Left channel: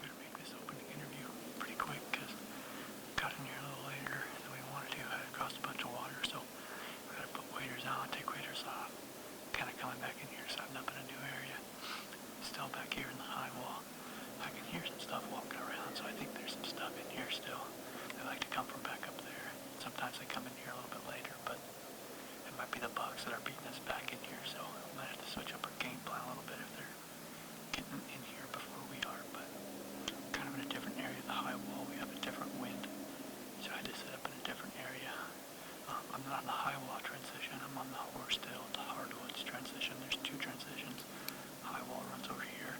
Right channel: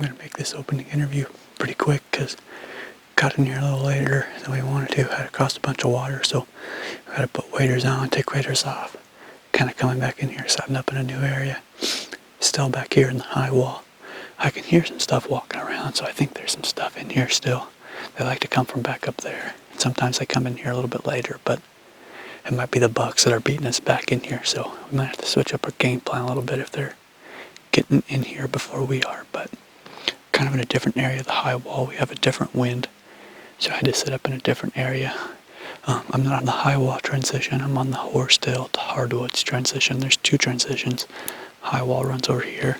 I'm going to make this opening interview pretty quick because got in here a little later than we wanted to. Had to cross a bunch of water, so I had to put waders on, take waders off. Kind of coming back in here, setting up in a new area. Still back here in the high wall. I can hear some stuff walking around, so I think there's some stuff in here still. They like to come from back up there. Sometimes they come in here a little bit later, but it might be the bucks that are beating us back in here, so we might have to switch up our game plan a little bit if they're getting in here before we are. But kind of in a different area of the high wall, we have a different wind, so I had to set up in a different area. I'm not on the high wall transition, I'm on the Whitetail to hardwoods transition. There's two transitions. High wall runs over here.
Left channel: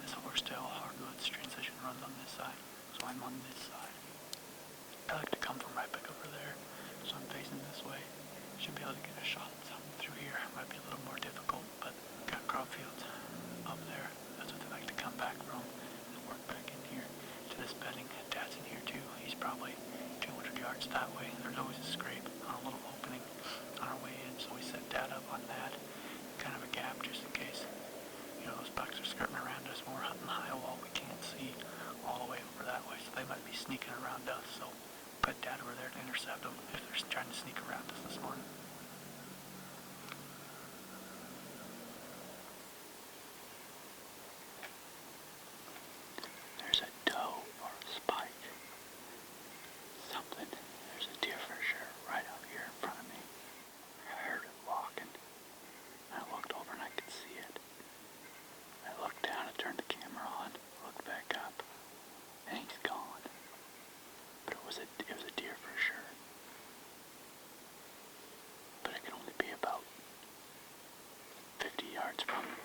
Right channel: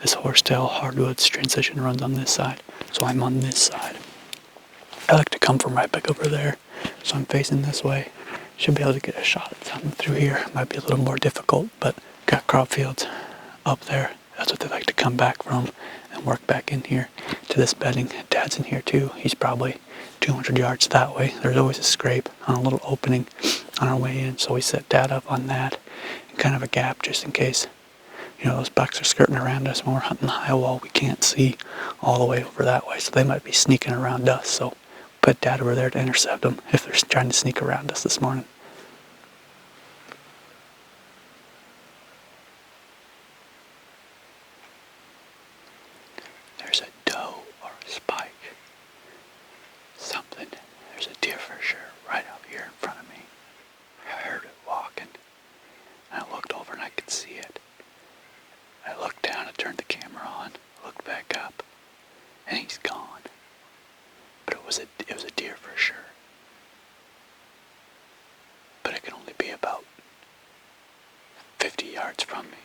This Whitetail hardwoods transition runs on this side, so I'm on this side. I like to come from right back over there, so I'm facing this way. Should be able to get a shot at something through here. Might be a little more difficult, but got crop fields up there. That's what they like to come back from and work back in here to this bedding. Dad's in here too. He's probably 200 yards that way. There's always a scrape on a little opening on our way in, so we set Dad up on that. Kind of a gap just in case, those bucks are skirting around us when we're hunting the high wall. We can't see all the way over that way, so they might be sneaking around us. So put Dad over there to intercept them if they're trying to sneak around us this morning. There's a doe or a spike. Something. There's a deer for sure right out here in front of me. I heard it walking. And I looked over and I could see it. I looked down, I turned the camera on, looked back up, and he's gone. But it was a deer for sure. But it could only be about 50 yards from me.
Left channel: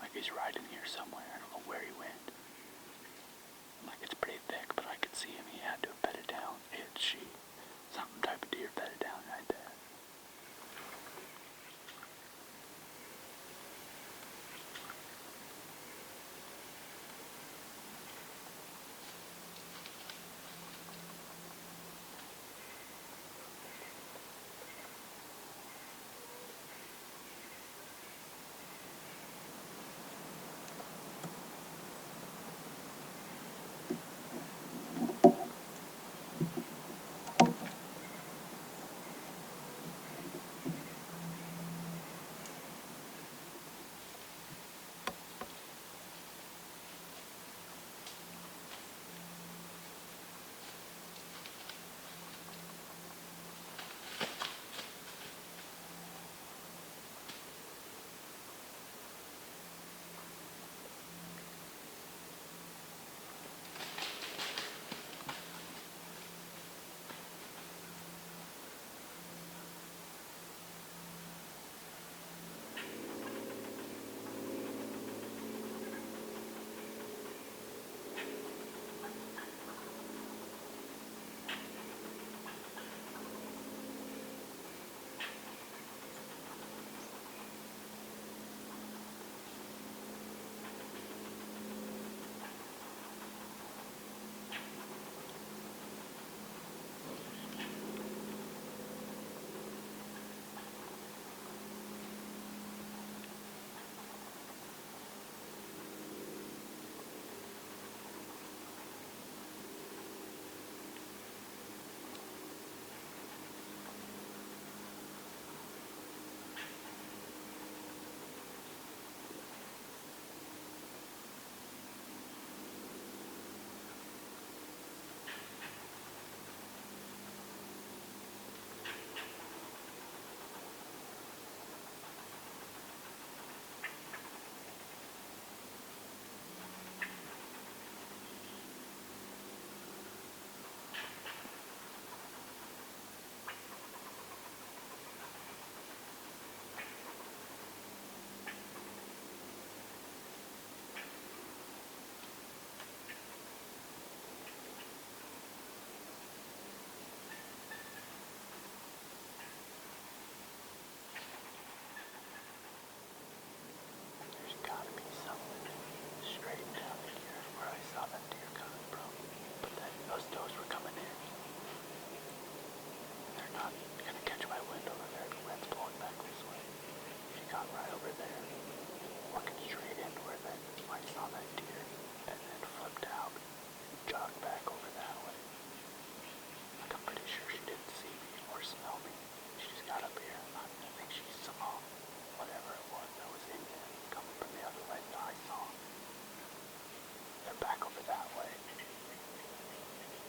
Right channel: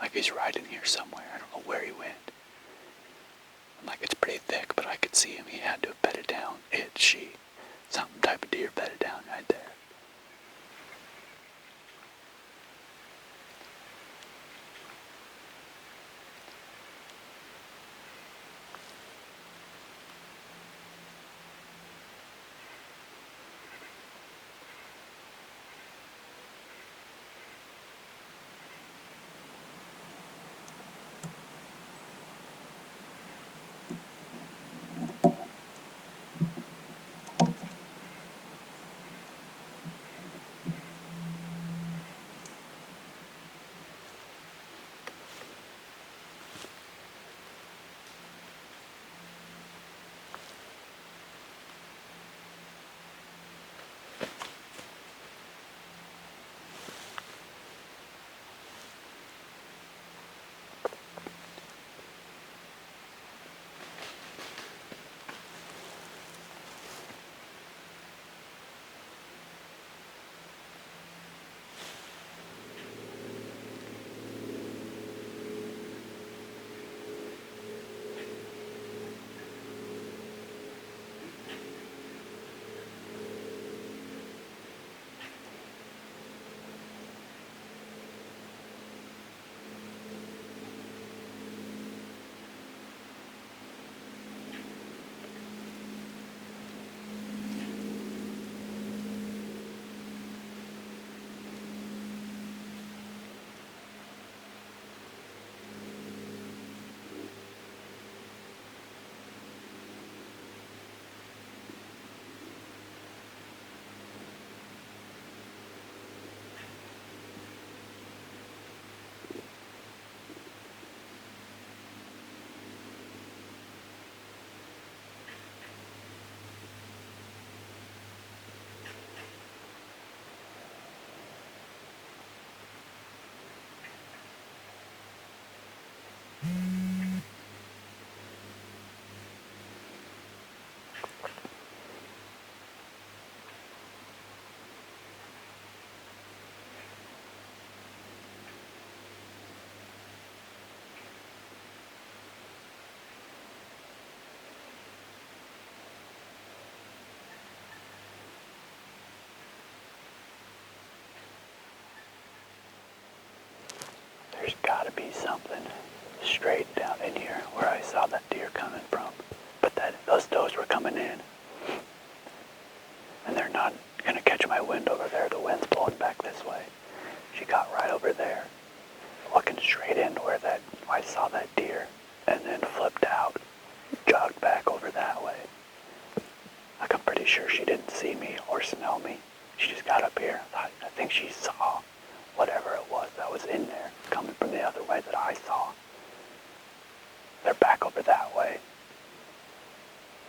Like he's right in here somewhere. I don't know where he went. Like it's pretty thick, but I could see him. He had to have bedded down. She. Some type of deer bedded down right there. There's gotta be something straight down in here where I saw that deer coming from. But those does were coming in. And they're not gonna catch my wind over there. The wind's blowing back this way. She got right over there, looking straight into where I saw that deer. or smell me. She just got up here. I think she saw whatever it was that was in there coming from the other way that I saw. They're back over that way.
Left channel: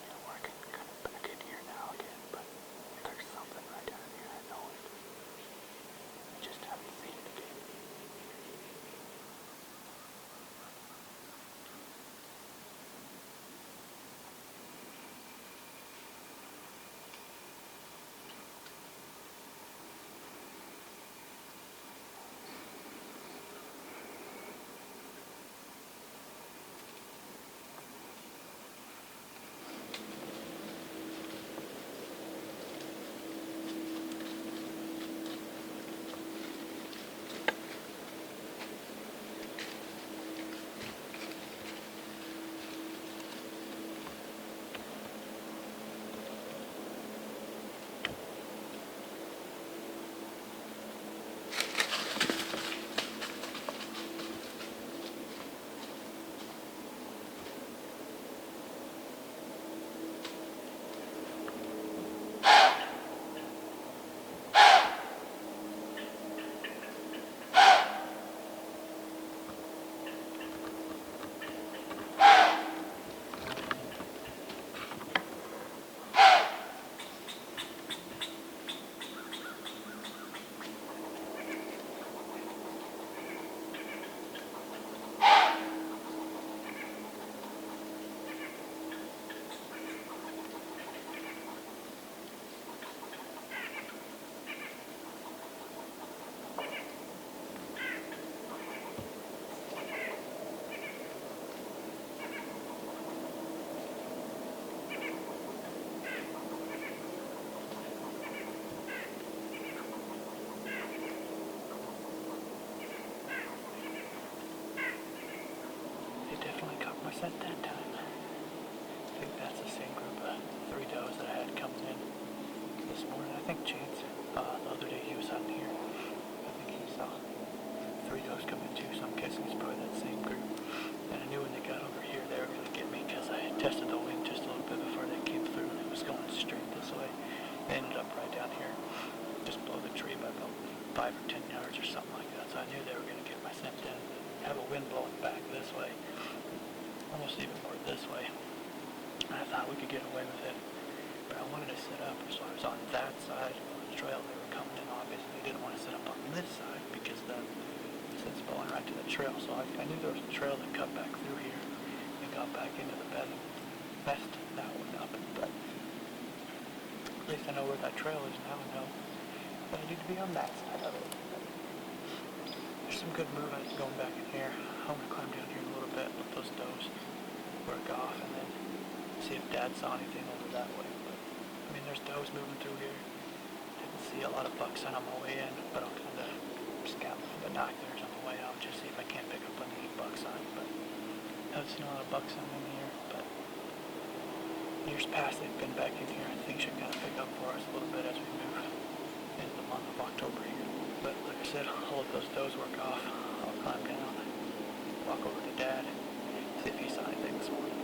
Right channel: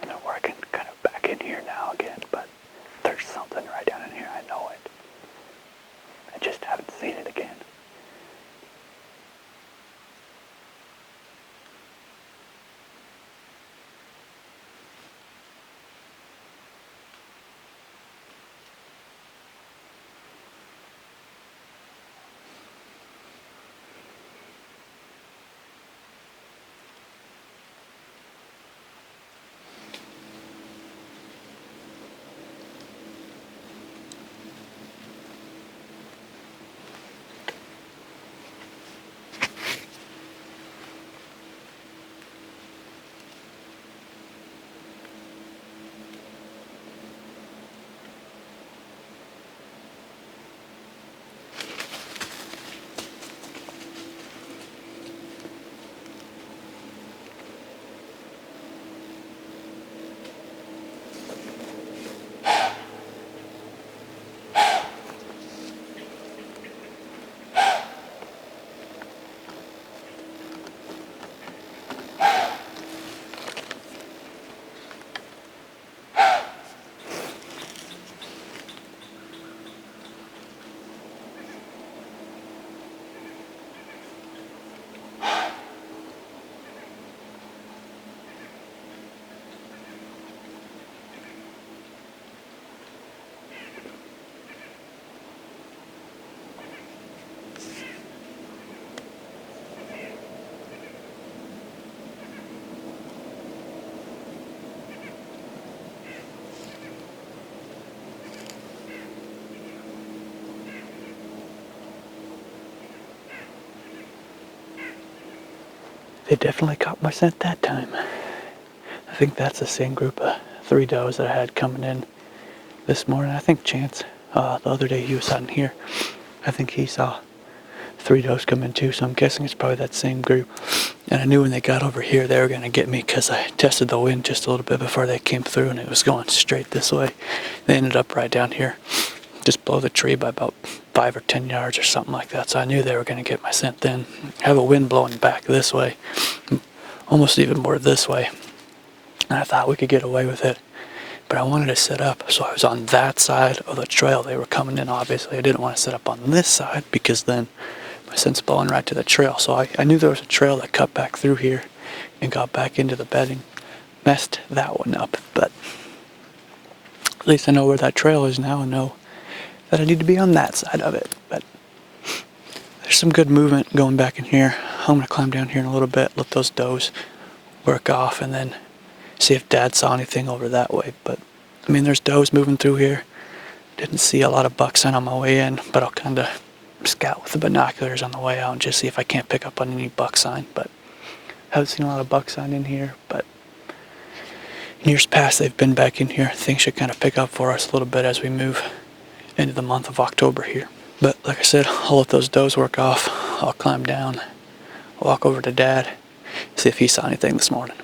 You know, where I can kind of back in here now again, but there's something right down in here. I know it. I just haven't seen it again. They definitely caught my scent that time. I think that's the same group of 3 does that I had coming in this morning. I think Chance, the other day he was out in here, I think he saw 3 does come in too, so I'm guessing it's probably that same group. And I knew when they got over here they were going to get me because I tested the wind just a little bit before they came through and it was going straight this way. They ended up right down here, just below the tree by about 5 or 10 yards or something like that, so I knew they were going to get my scent then. I have a wind blowing back this way, almost even more this way, and I thought we could get away with it. But I wanted to set up, so I was on that side of the trail. They were coming in, obviously. I didn't want to set up on this side because then my scent's blowing right to the trail. So I knew there was a trail that cut back through here and got back into the bedding. Messed that one up, but at least I know where that trail is now and know that I need to be on that side of it. But there's some good movement going back in here. I'm going to climb down here in a little bit, let those does work off, and then see if Dad saw anything over that way. But I mean, there's does moving through here. Didn't see a lot of buck sign on my way in, but I'll kind of scout with the binoculars on the way out and just see if I can't pick up on any buck sign. But haven't seen a lot of buck sign in here, but in years past they've been back in here. Things should kind of pick up for us a little bit as we move into the month of October here. But like I said, I'll let those does work off. I'll climb down, walk over to Dad, see if he saw anything this morning.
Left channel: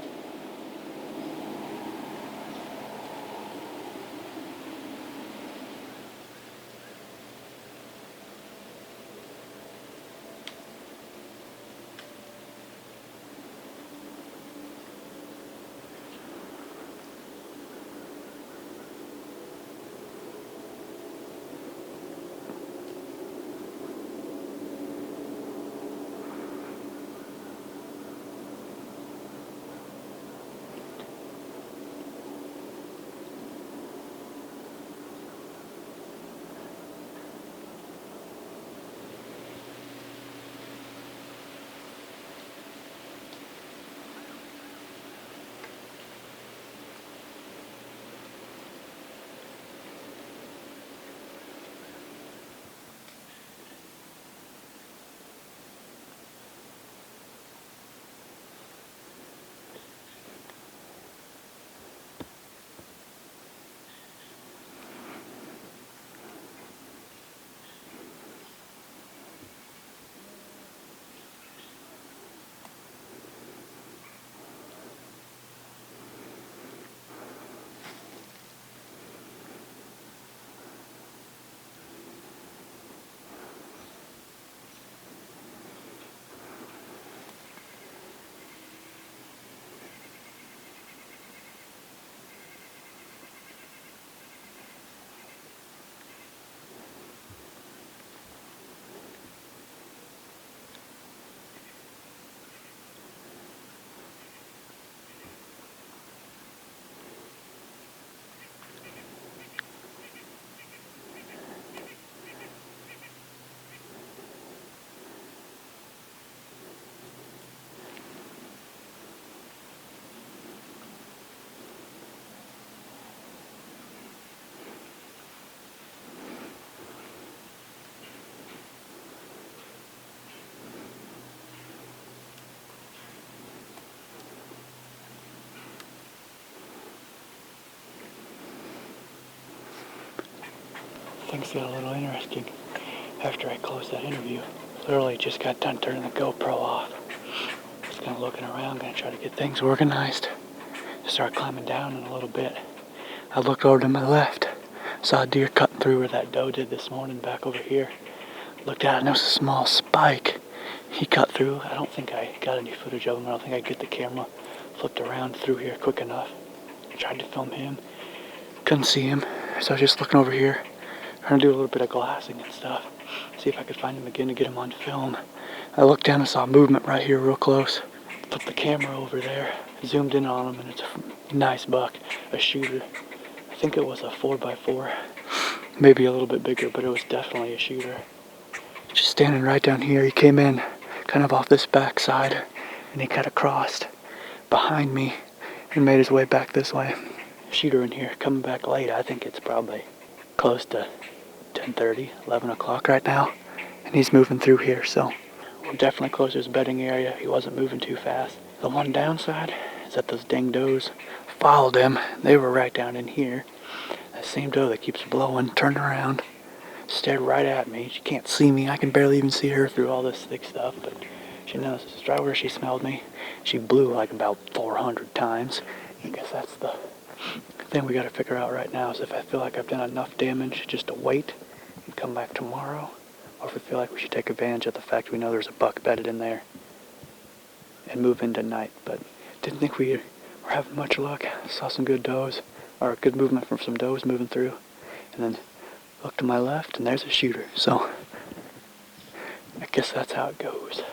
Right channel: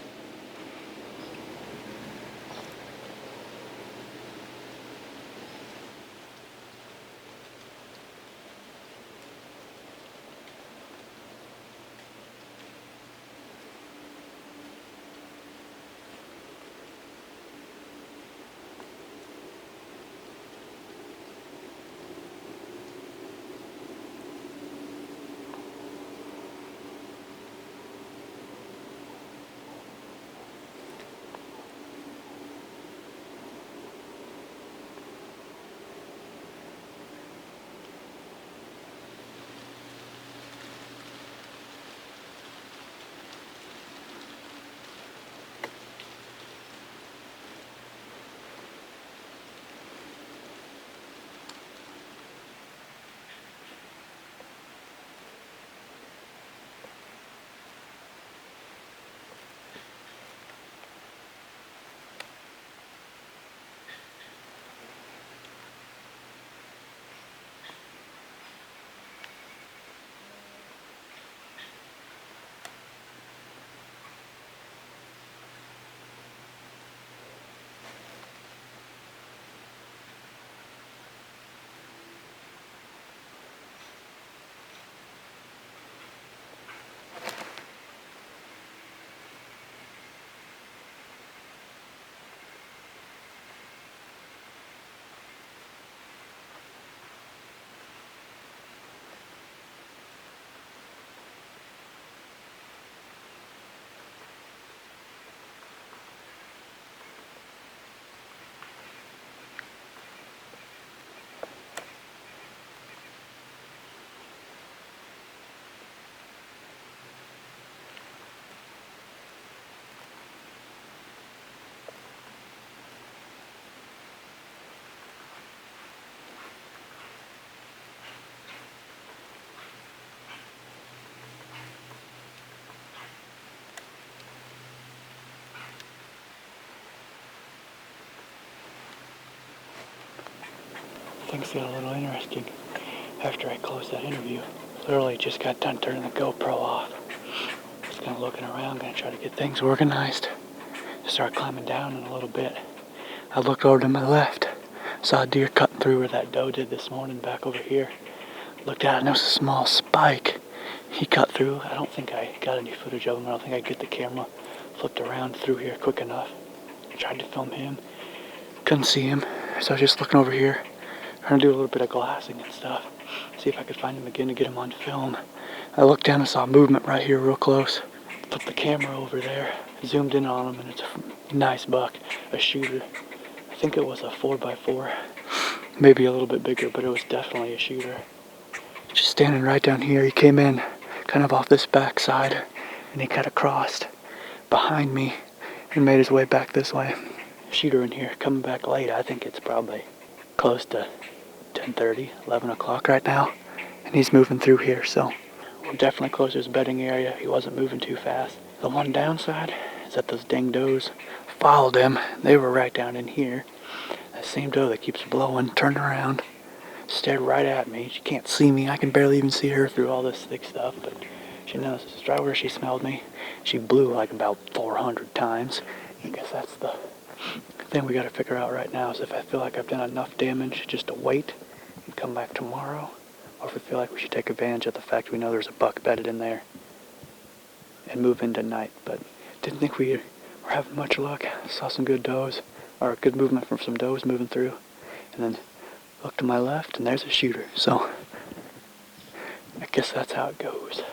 things got a little interesting after I closed that interview. Literally just got done turning the GoPro off. Just kind of looking around, gonna try to get things organized. Start climbing down in a little bit. I looked over to my left, saw a deer cutting through where that doe did this morning back over here. Looked at it and there was a small spike. He cut through. I don't think I got any footage of him. I don't think I could get the camera flipped around through here quick enough. I tried to film him. Couldn't see him. So I was just looking over here, trying to do a little bit of glassing and stuff. See if I could find him again to get him on film. I looked down and saw movement right here real close. Put the camera over there, zoomed in on him, and it's a nice buck, a shooter. I think it was a 4x4, maybe a little bit bigger, but it was definitely a shooter. Just standing right down here, he came in kind of off this back side, and he kind of crossed behind me and made his way back this way. Shooter in here, coming back late. I think it's probably close to 10:30, 11 o'clock right now, and he's moving through here, so we're definitely close to his bedding area. He wasn't moving too fast. The one downside is that those dang does followed him. They were right down in here. That same doe that keeps blowing, turned around, stared right at me. She can't see me. I can barely even see her through all this thick stuff, but she knows this is right where she smelled me. She blew like about 400 times. I guess that's the thing we got to figure out right now, is if I feel like I've done enough damage just to wait and come back tomorrow, or if we feel like we should take advantage of the fact we know there's a buck bedded in there and move in tonight. But didn't think we were having much luck. Saw some good does, or good movement from some does moving through, and then looked to my left and there's a shooter. So I guess that's how it goes.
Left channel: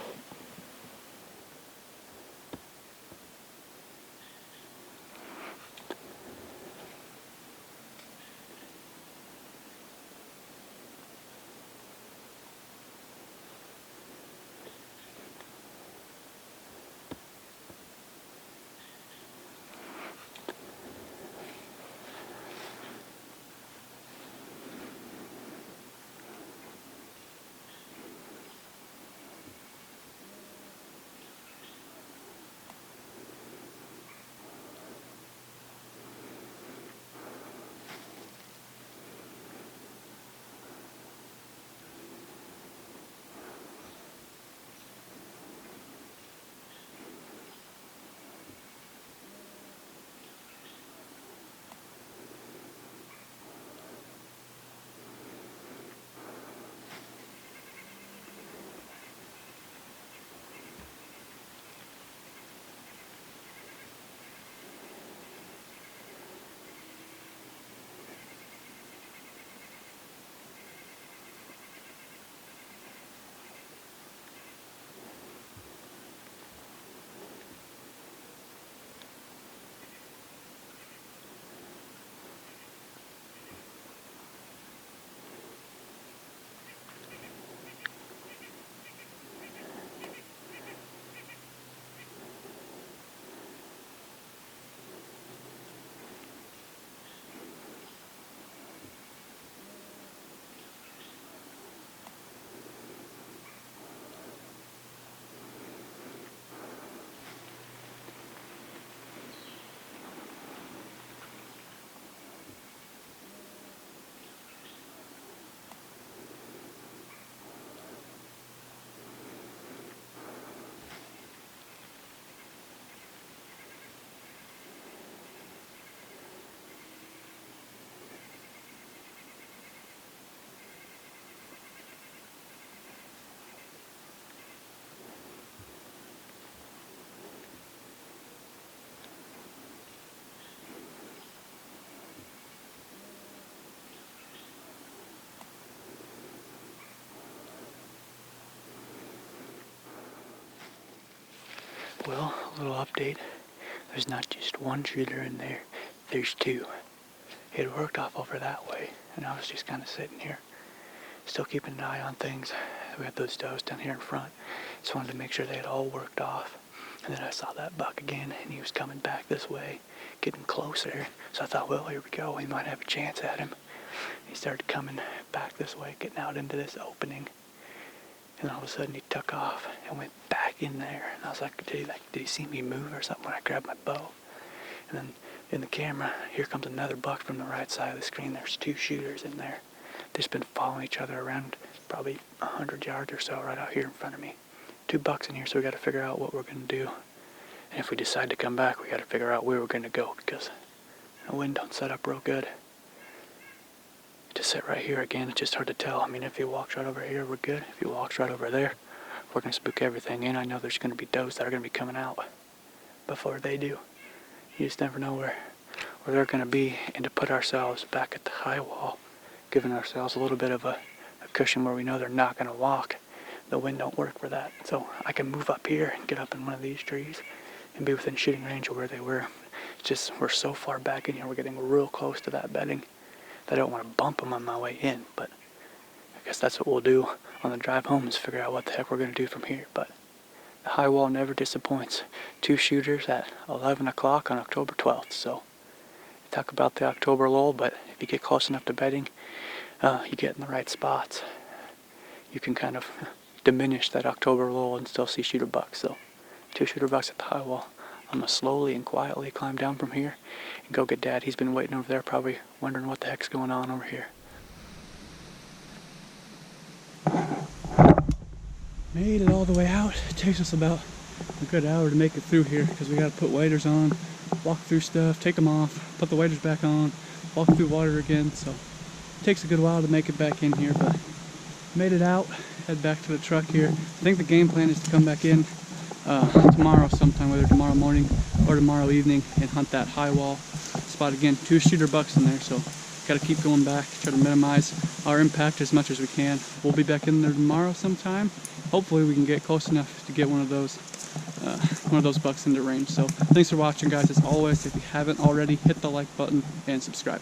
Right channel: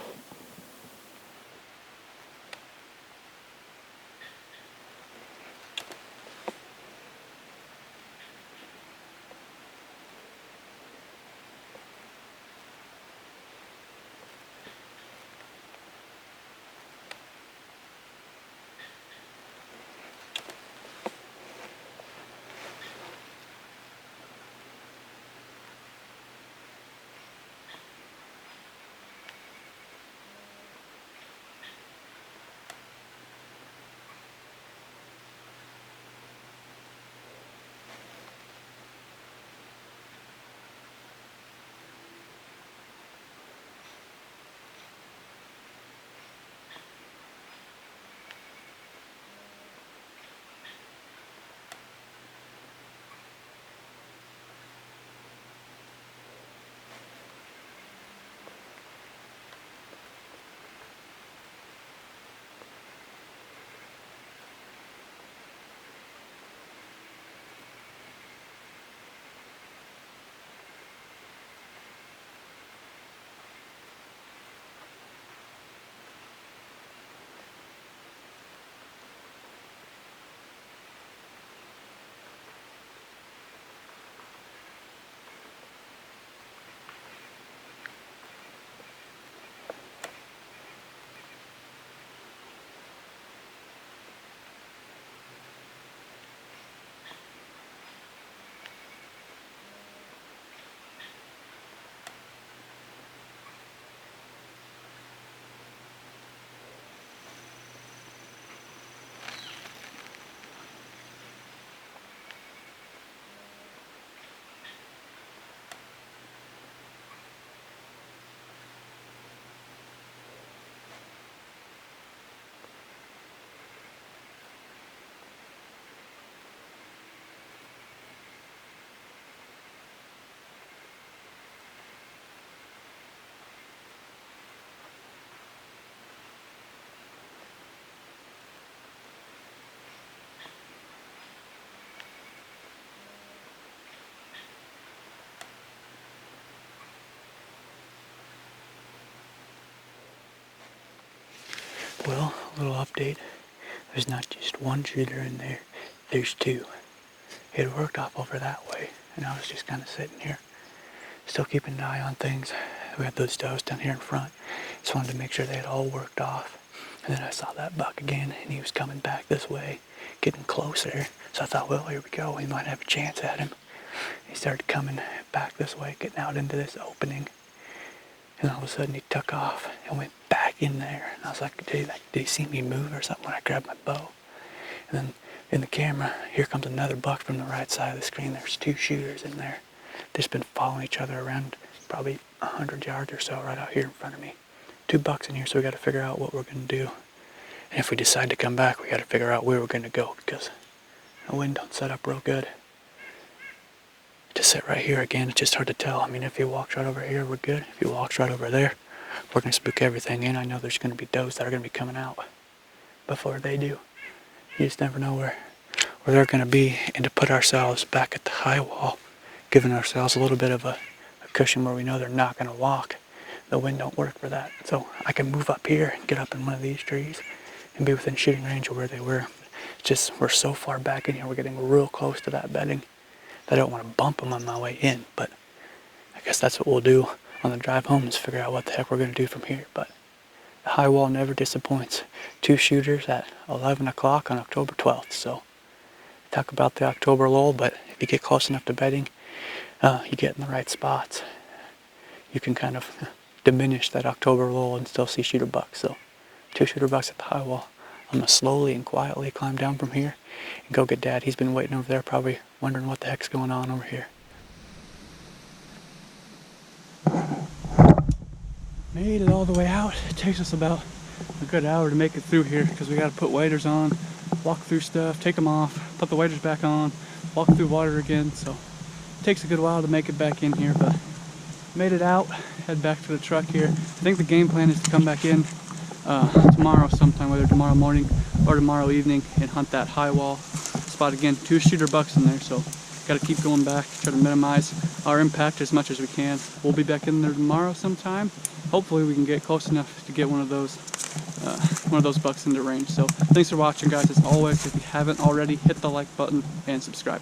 Well, a little update. There's not just one shooter in there, there's two. It had worked off over that way, and I was just kind of sitting here, still keeping an eye on things. We had those does down here in front. Just wanted to make sure they had all worked off. And then I saw that buck again, and he was coming back this way, getting closer. So I thought, well, here we go. We might have a chance at him. He started coming back this way, getting out into this opening. And all of a sudden he took off and went back in there. And I was like, did he see me move or something when I grabbed my bow? And then in the camera, here comes another buck from the right side of the screen. There's two shooters in there. They've been following each other around probably 100 yards or so right out here in front of me. 2 bucks in here, so we got to figure out what we're going to do. And if we decide to come back, we got to figure out where we're going to go, because the wind don't set up real good. To sit right here again, it's just hard to tell. I mean, if he walks right over here, we're good. If he walks right over there, we're going to spook everything in. I know there's going to be does that are going to be coming out before they do. You just never know where they're going to be. And to put ourselves back at the high wall, giving ourselves a little bit of a cushion where we know they're not going to walk. The wind don't work for that. So I can move up here and get up in one of these trees and be within shooting range of where they were. It's just we're so far back in here, we're getting real close to that bedding that I don't want to bump them on my way in. But I guess that's what we'll do on the drive home, is figure out what the heck we're going to do from here. But the high wall never disappoints. 2 shooters at 11 o'clock on October 12th. So talk about the October lull, but if you get close enough to bedding, you get in the right spots, you can kind of diminish that October lull and still see shooter bucks. So 2 shooter bucks at the high wall. I'm going to slowly and quietly climb down from here and go get Dad. He's been waiting over there, probably wondering what the heck's going on over here. Made it all the way out. It takes us about a good hour to make it through here, because we got to put waders on, walk through stuff, take them off, put the waders back on, walk through water again. So it takes a good while to make it back in here, but made it out. Head back to the truck here. I think the game plan is to come back in tomorrow sometime, whether tomorrow morning or tomorrow evening, and hunt that high wall spot again. 2 shooter bucks in there, so got to keep going back, try to minimize our impact as much as we can. We'll be back in there tomorrow sometime. Hopefully we can get close enough to get one of those bucks into range. So thanks for watching, guys. As always, if you haven't already, hit the like button and subscribe.